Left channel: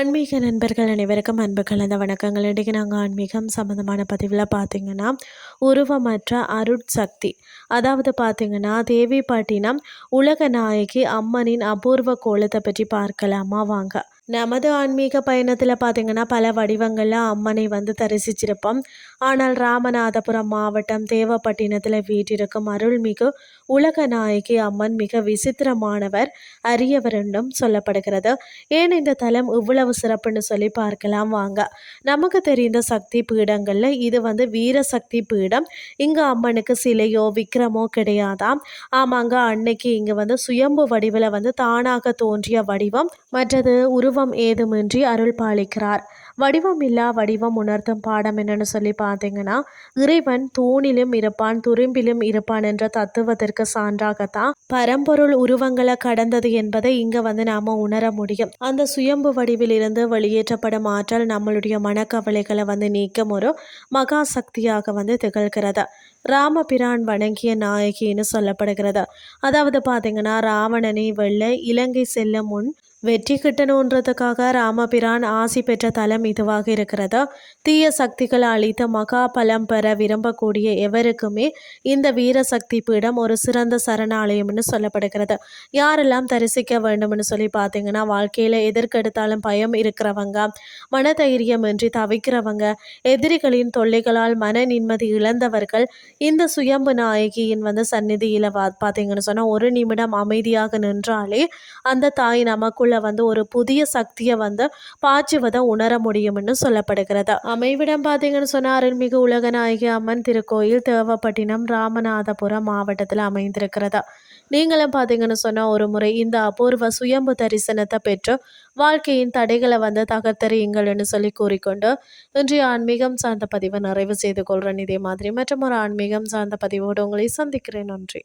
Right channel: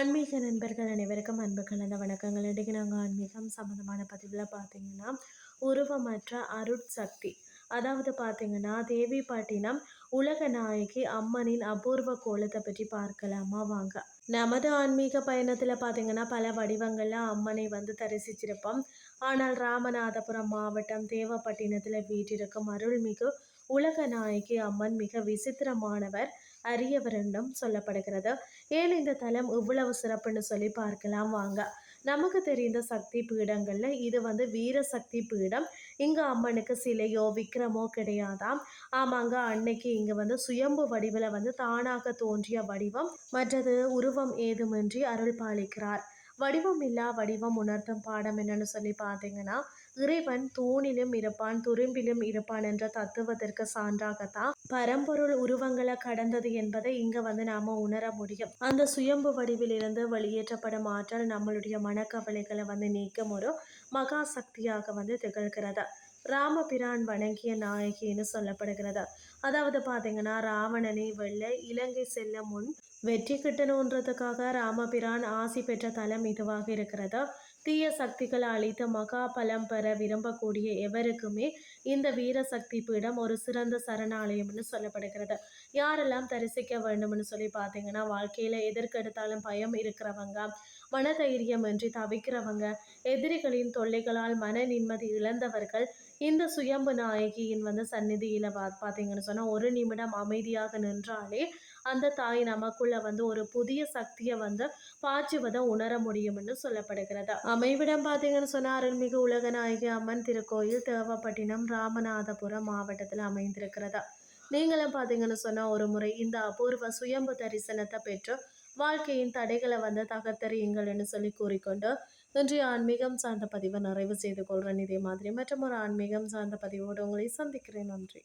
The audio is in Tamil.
ஆன்மீக நண்பர்கள் அனைவருக்கும் அன்பு கலந்த வணக்கங்கள். இன்றைக்கி நாங்கள் ஆன்மீகம் சம்மந்தமான பதிவில் பார்த்திங்கன்னா உருவமற்ற அருட்சக்தி, அதாவது பார்த்திங்கன்னா தேவிப்பட்டினம் உலக நாயகி அம்மனின் அபூர்வ கோலத்தை பற்றி பார்க்கலாமா வாங்க. நமது ஆன்மீக பயணத்தில் பார்த்திங்கன்னா பல வடிவங்களில் அம்மனை தரிசிச்சிருப்போம். ஆனால் ராமநாதபுரம் மாவட்டம் தேவப்பட்டினத்தில் வீட்டிருக்கும் அருள்மிகு உலக நாயகி அம்மன் மிக விசித்திரமானவர், அரியவர் என்றும் சொல்லப்படுகிறது. ஏன் இந்த தலம் இவ்வளவு சிறப்புன்னு சொல்லி பார்க்கலாம் வாங்க. நமக்கு தெரிந்த சக்தி பீடங்களில் இது வீர சக்தி பீடம். இங்கே அம்மனுக்கு சிலையோ விக்கிரமோ கிடையாதாம். ஆமாங்க, அன்னைக்கு இங்கே சுயம்பு வடிவில் தானாக தோன்றிய வடிவம், மற்றது உருவம் ஏதுமின்றி அருள் பாலிக்கிறார். வடிவம் இல்லா வடிவம் உணர்த்தும் பாடம் என்னன்னு சொல்லி பார்த்தீங்கன்னா, இறைவன் தூணிலும் இருப்பான் துரும்பிலும் இருப்பான் என்ற தத்துவத்திற்கு சான்றாகத்தான் பரம்பொருள் உருவங்களை கடந்தது என்பதை இங்க நாம உணர முடியும். அந்த சுயம்பு வடிவில் இருந்து வெளியேற்றப்படும் ஆற்றல் நம்மளுடைய மனக்கவலைகளை நீக்கும் ஒரு மகா சக்தியாக திகழ்கிறது. ராமபிரான் வணங்கிய நாயகின்னு சொல்லப்படுகிறது. அதாவது பார்த்தீங்கன்னா, ராவணனை வெல்ல இலங்கை செல்லும் முன் வெற்றி கிட்டணுன்றதுக்காக ராமபிரான் ஆசி பெற்ற தலம் இதுவாக இருக்கிறது. தீய சக்திகளை அழித்த மகா பலம் பெற விரும்பக்கூடிய எவருக்குமே இந்த வீரசக்தி பீடம் ஒரு சிறந்த சரணாலயம்னு சொல்லப்படுகிறது. யாரெல்லாம் தரிசிக்க வேண்டும்னு சொல்லி பார்த்தீங்கன்னா, வாழ்க்கையில் எதற்கெடுத்தாலும் பயம் இருக்கிறவங்க, மனதைரியம் இன்றி தவிக்கிறவங்க, எதிரிகளின் தொல்லைகளால் மன நிம்மதி இழந்தவர்கள் இந்த சுயம்பு நாயகியின் சந்நிதியில் பார்த்தீங்கன்னு சொன்னால் ஒரு நிமிடம் அமைதியாக நின்றாலே அந்த தாய் நமக்குள்ள ஒரு புதிய சக்தியை பாய்ச்சுவதை உணர முடியும்னு சொல்லப்படுகிறது. அமைவிடம் பார்த்தீங்கன்னு சொன்னால் அருள்மிகு உலகநாயகி அம்மன் திருக்கோயில் தேவப்பட்டினம் ராமநாதபுரம் மாவட்டத்தில் அமைந்திருக்கிறது. நீங்களும் பார்த்தீங்கன்னு சொன்னால் ஒரு முறை இந்த அபூர்வ சுயம்பு தரிசனத்தை பெற்று வாழ்க்கையின் தடைகளை தகர்த்தறியுங்கள்னு சொல்லி கூறிக்கொண்டு இன்றைய ஆன்மீகம் சார்ந்த பதிவை நிறைவு செய்து கொள்கிறேன். இதே மாதிரி மற்றும் ஒரு ஆன்மீகம் சார்ந்த பதிவோடு உங்களை சந்திக்கிறேன். நன்றி.